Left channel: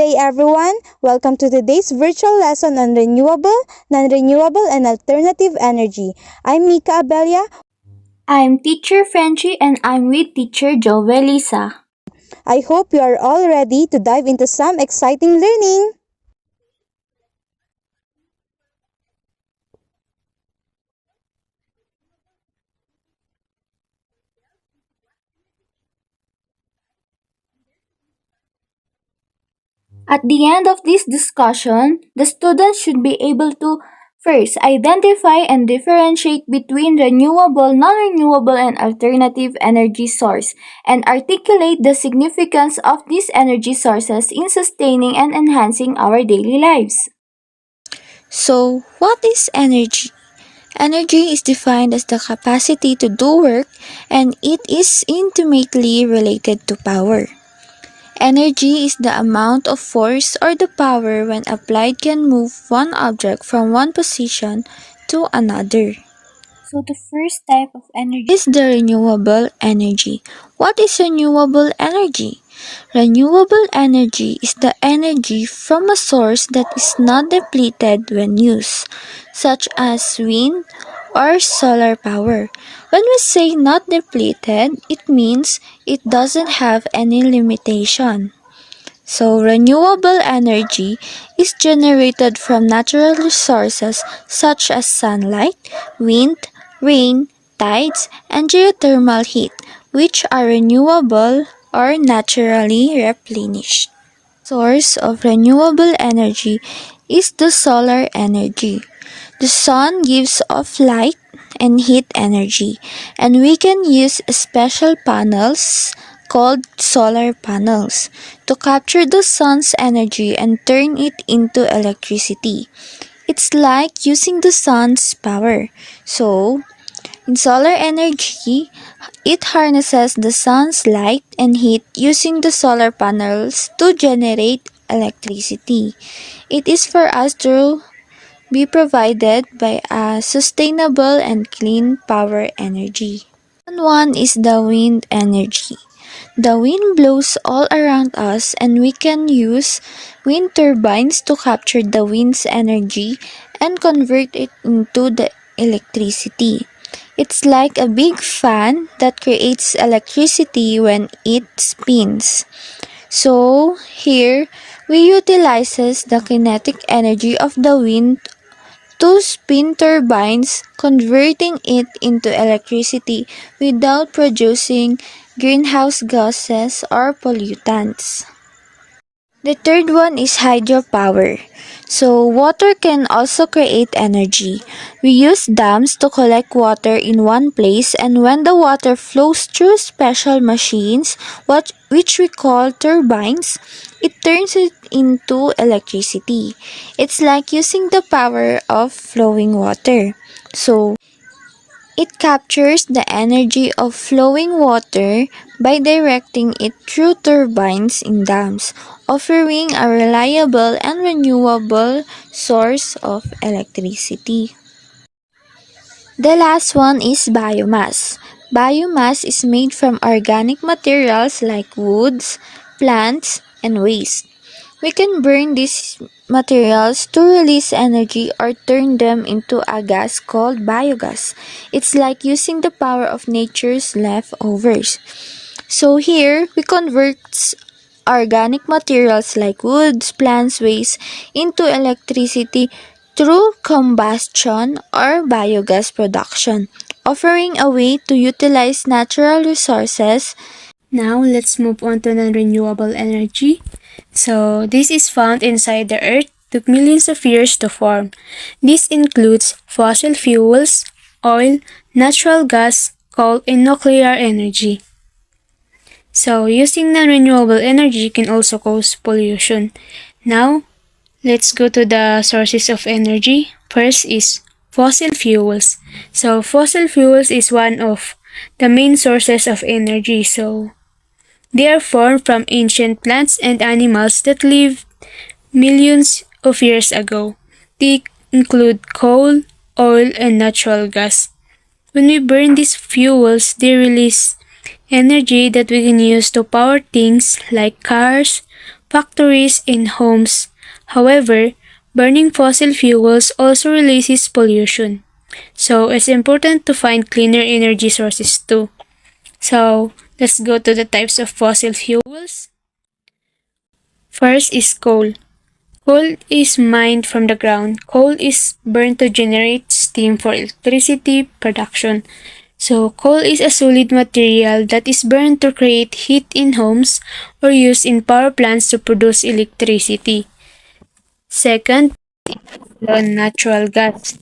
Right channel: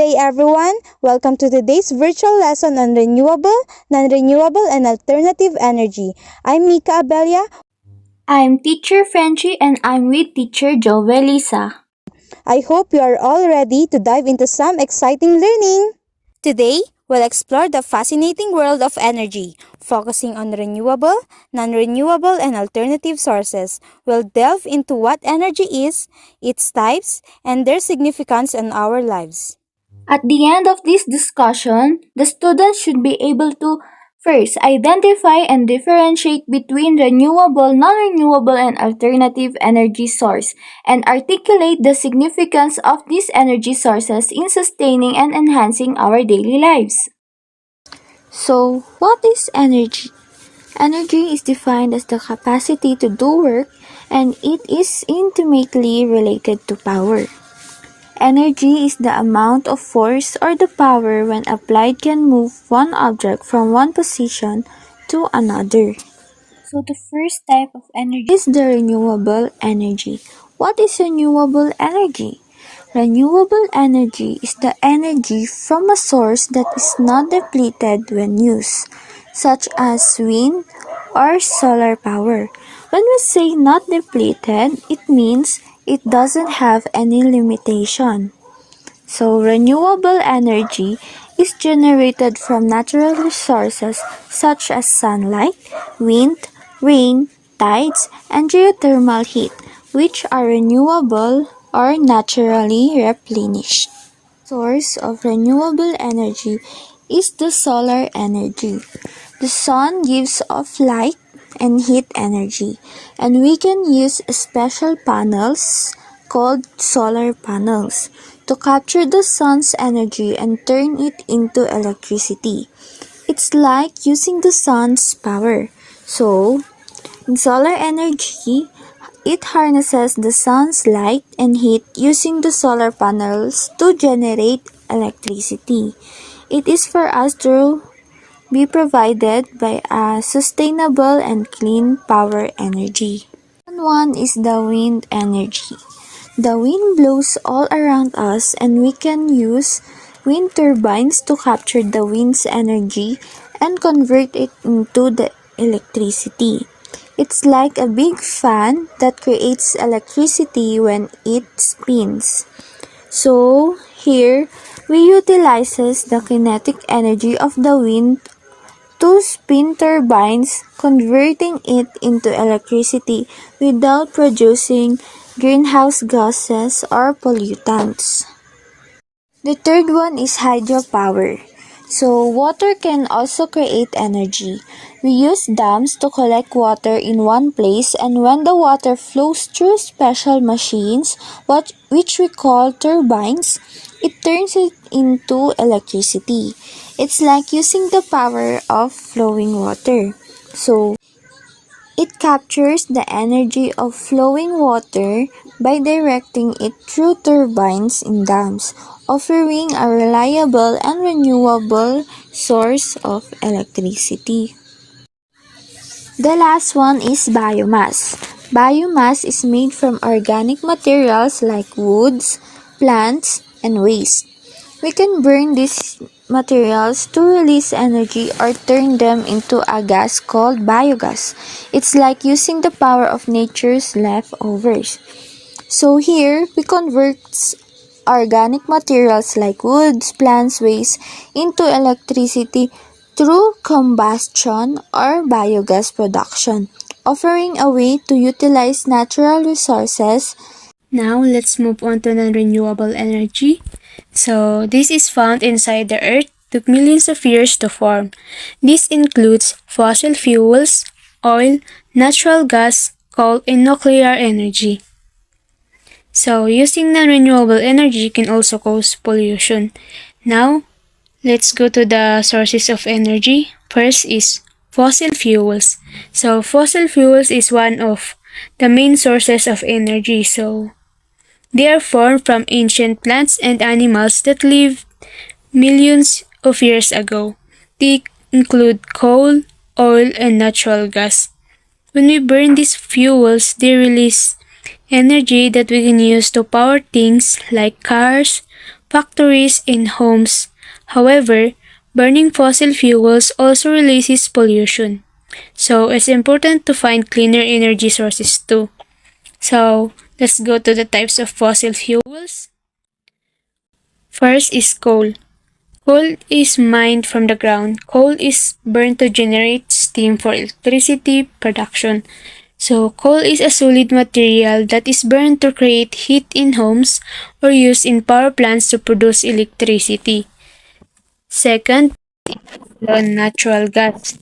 day, everyone. Welcome to today's virtual lesson on renewable, non-renewable, and alternative energy. I'm Mica. I'm teacher Frenchie and I'm with teacher Joveliza. I hope you are all ready to dive into some exciting learning. Today, we'll explore the fascinating world of energy, focusing on renewable, non-renewable, and alternative sources. We'll delve into what energy is, its types, and their significance in our lives. At the end of this discussion, the students should be able to first identify and differentiate between renewable, non-renewable, and alternative energy source and articulate the significance of these energy sources in sustaining and enhancing our daily lives. So, what is energy? Energy is defined as the capacity to do work and it is intimately related to power. Energy is the amount of force or the power when applied can move one object from one position to another. So the first type of energy is the renewable energy. What is renewable energy? Renewable energy is the energy from a source that is not depleted when used, such as wind or solar power. When we say not depleted, it means it doesn't have any limitation. So, renewable energy is generated from natural resources such as sunlight, wind, rain, tides, and geothermal heat, which are renewable or naturally replenished. Source of renewable energy is the solar energy. The sun gives off light and heat energy, and we can use special panels called solar panels to capture the sun's energy and turn it into electricity. It's like using the sun's power. So, in solar energy, it harnesses the sun's light and heat using the solar panels to generate electricity. It is for us to be provided by a sustainable and clean power energy. One is the wind energy. The wind blows all around us and we can use wind turbines to capture the wind's energy and convert it into the electricity. It's like a big fan that creates electricity when it spins. So, here, we utilizes the kinetic energy of the wind to spin turbines, converting it into electricity without producing greenhouse gases or pollutants. The third one is hydropower. So, water can also create energy. We use dams to collect water in one place, and when the water flows through special machines, which we call turbines, it turns it into electricity. It's like using the power of flowing water. So, it captures the energy of flowing water by directing it through turbines in dams, offering a reliable and renewable source of electricity. The last one is biomass. Biomass is made from organic materials like woods, plants, and waste. We can burn these materials to release energy or turn them into a gas called biogas. It's like using the power of nature's leftovers. So here, we convert organic materials like woods, plants, waste into electricity through combustion or biogas production, offering a way to utilize natural resources. Now, let's move on to non-renewable energy. So, this is found inside the earth, took millions of years to form. This includes fossil fuels, oil, natural gas, coal, and nuclear energy. So, using non-renewable energy can also cause pollution. Now, let's go to the sources of energy. First is fossil fuels. So, fossil fuels is one of the main sources of energy. So, they are formed from ancient plants and animals that lived millions of years ago. They include coal, oil, and natural gas. When we burn these fuels, they release energy that we can use to power things like cars, factories, and homes. However, burning fossil fuels also releases pollution. So it's important to find cleaner energy sources too. So let's go to the types of fossil fuels. First is coal. Coal is mined from the ground. Coal is burned to generate steam for electricity production. So, coal is a solid material that is burned to create heat in homes or used in power plants to produce electricity. Second, natural gas.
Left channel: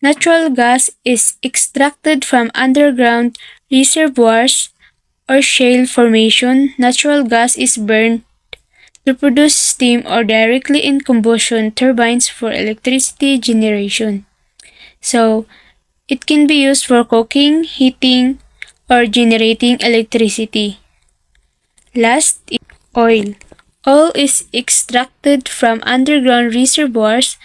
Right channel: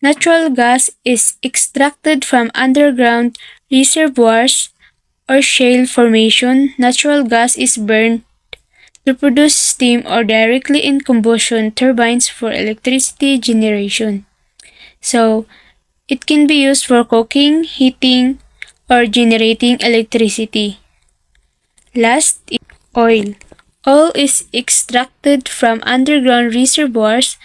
Natural gas is extracted from underground reservoirs or shale formation. Natural gas is burned to produce steam or directly in combustion turbines for electricity generation. So, it can be used for cooking, heating, or generating electricity. Last is oil. Oil is extracted from underground reservoirs.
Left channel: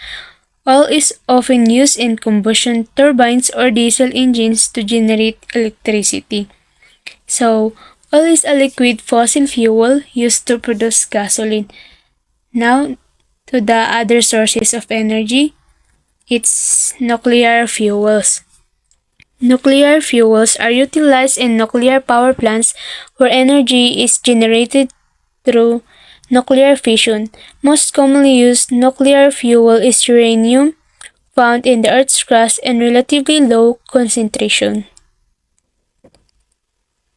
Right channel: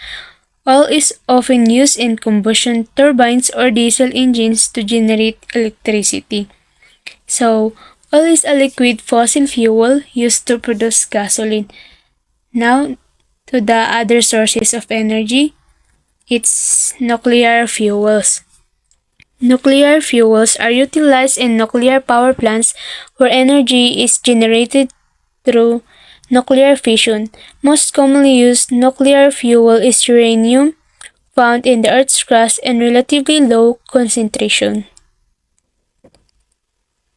Oil is often used in combustion turbines or diesel engines to generate electricity. So, oil is a liquid fossil fuel used to produce gasoline. Now, to the other sources of energy, it's nuclear fuels. Nuclear fuels are utilized in nuclear power plants where energy is generated through nuclear fission. Most commonly used nuclear fuel is uranium, found in the Earth's crust in relatively low concentration.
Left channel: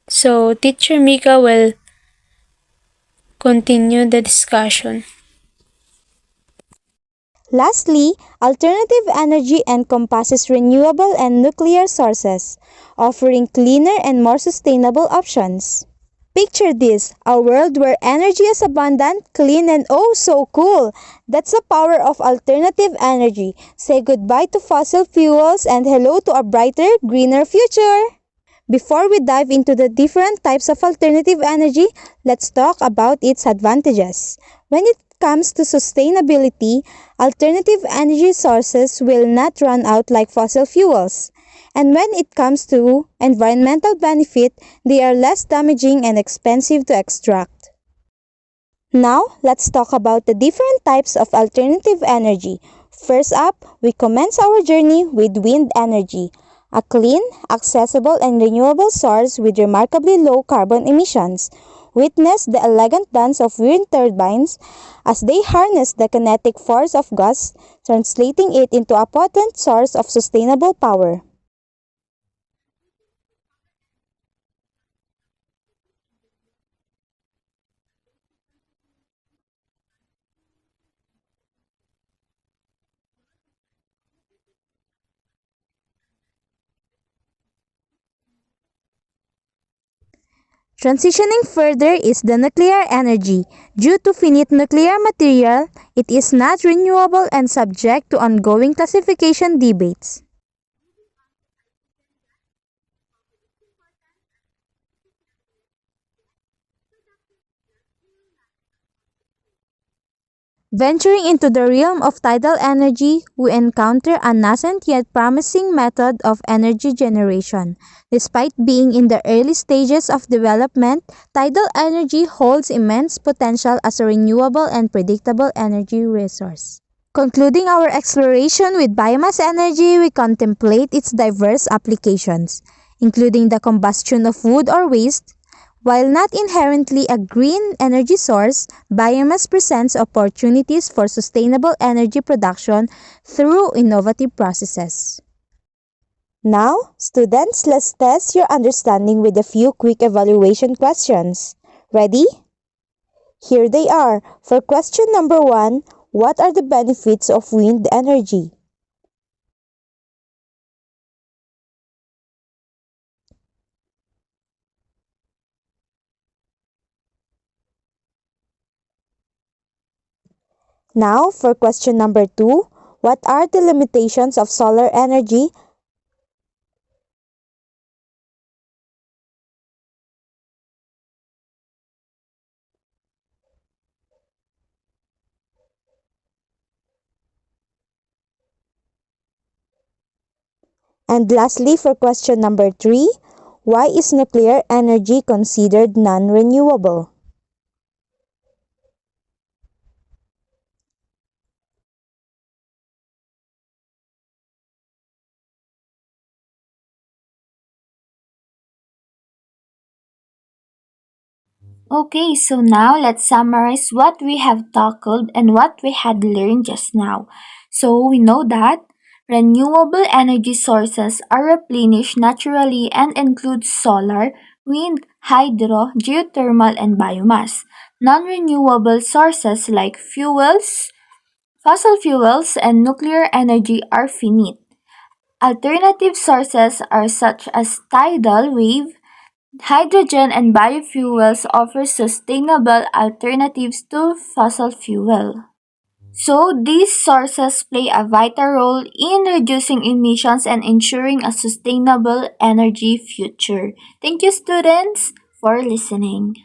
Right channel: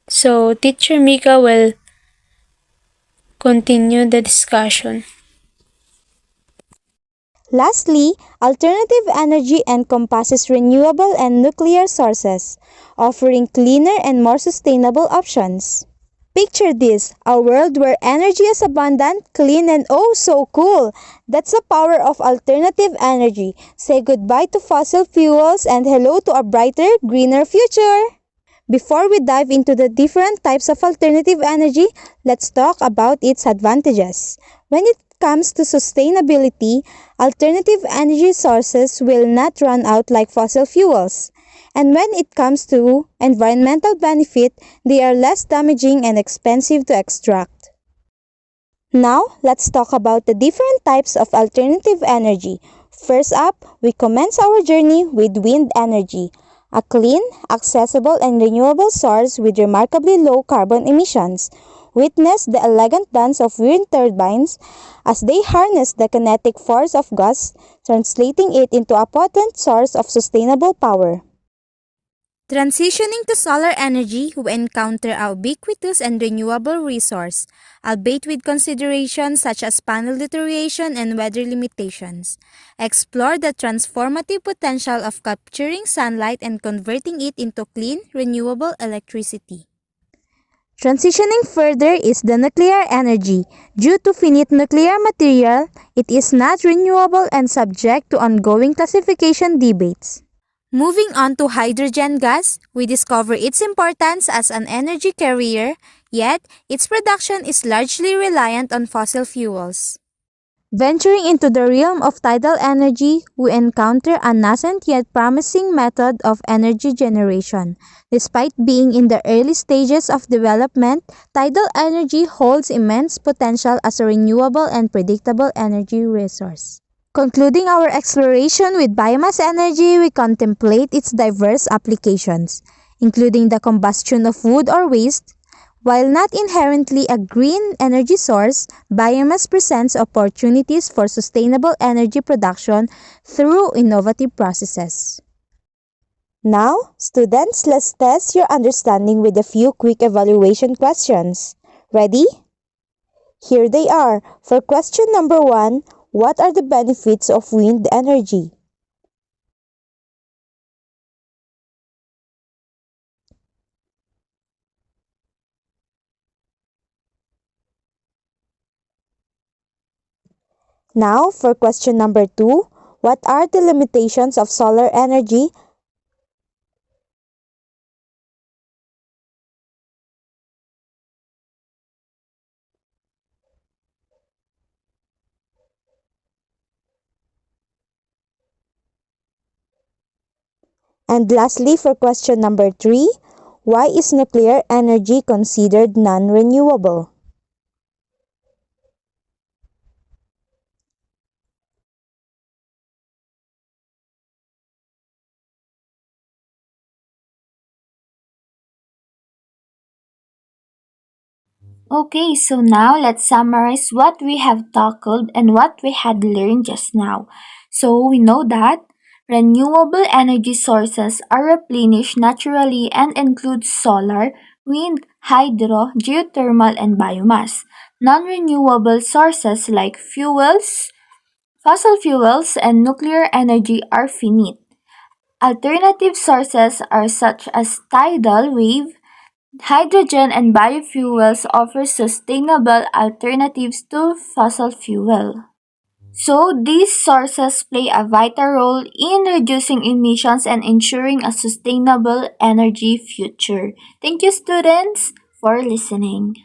So, Teacher Mica will continue the discussion. Lastly, alternative energy encompasses renewable and nuclear sources, offering cleaner and more sustainable options. Picture this, a world where energy is abundant, clean, and oh so cool. That's the power of alternative energy. Say goodbye to fossil fuels and hello to a brighter, greener future. Before we dive into the different types of alternative energy, let's talk about its advantages. When it comes to sustainability, alternative energy sources will not run out like fossil fuels. And when it comes to environmental benefit, they are less damaging and expensive to extract. Now, let's talk about the different types of alternative energy. First up, we commence our journey with wind energy, a clean, accessible, and renewable source with remarkably low carbon emissions. Witness the elegant dance of wind turbines as they harness the kinetic force of gas, translating it into a potent source of sustainable power. Transitioning to solar energy, we encounter a ubiquitous and renewable resource, albeit with considerations such as panel deterioration and weather limitations. Explore the transformative potential of capturing sunlight and converting it into clean, renewable electricity. Transitioning further is the nuclear energy. Due to finite nuclear material, it is not renewable and subject to ongoing classification debates. Moving on to hydrogen gas, we discover its importance as an energy carrier, yet its production is largely reliant on fossil fuels. Venturing into the realm of tidal energy, we encounter a nascent yet promising method of energy generation. Despite being in the early stages of development, tidal energy holds immense potential as a renewable and predictable energy resource. Concluding our exploration with biomass energy, we contemplate its diverse applications, including the combustion of wood or waste. While not inherently a green energy source, biomass presents opportunities for sustainable energy production through innovative processes. Now, students, let's test your understanding with a few quick evaluation questions. Ready? Here they are. For question number 1, what are the benefits of wind energy? Now, for question number 2, what are the limitations of solar energy? And lastly, for question number 3, why is nuclear energy considered non-renewable? Okay, so now let's summarize what we have tackled and what we had learned just now. So we know that renewable energy sources are replenished naturally and include solar, wind, hydro, geothermal, and biomass. Non-renewable sources like fossil fuels, and nuclear energy are finite. Alternative sources are such as tidal wave, hydrogen, and biofuels offer sustainable alternatives to fossil fuel. So, these sources play a vital role in reducing emissions and ensuring a sustainable energy future. Thank you, students, for listening.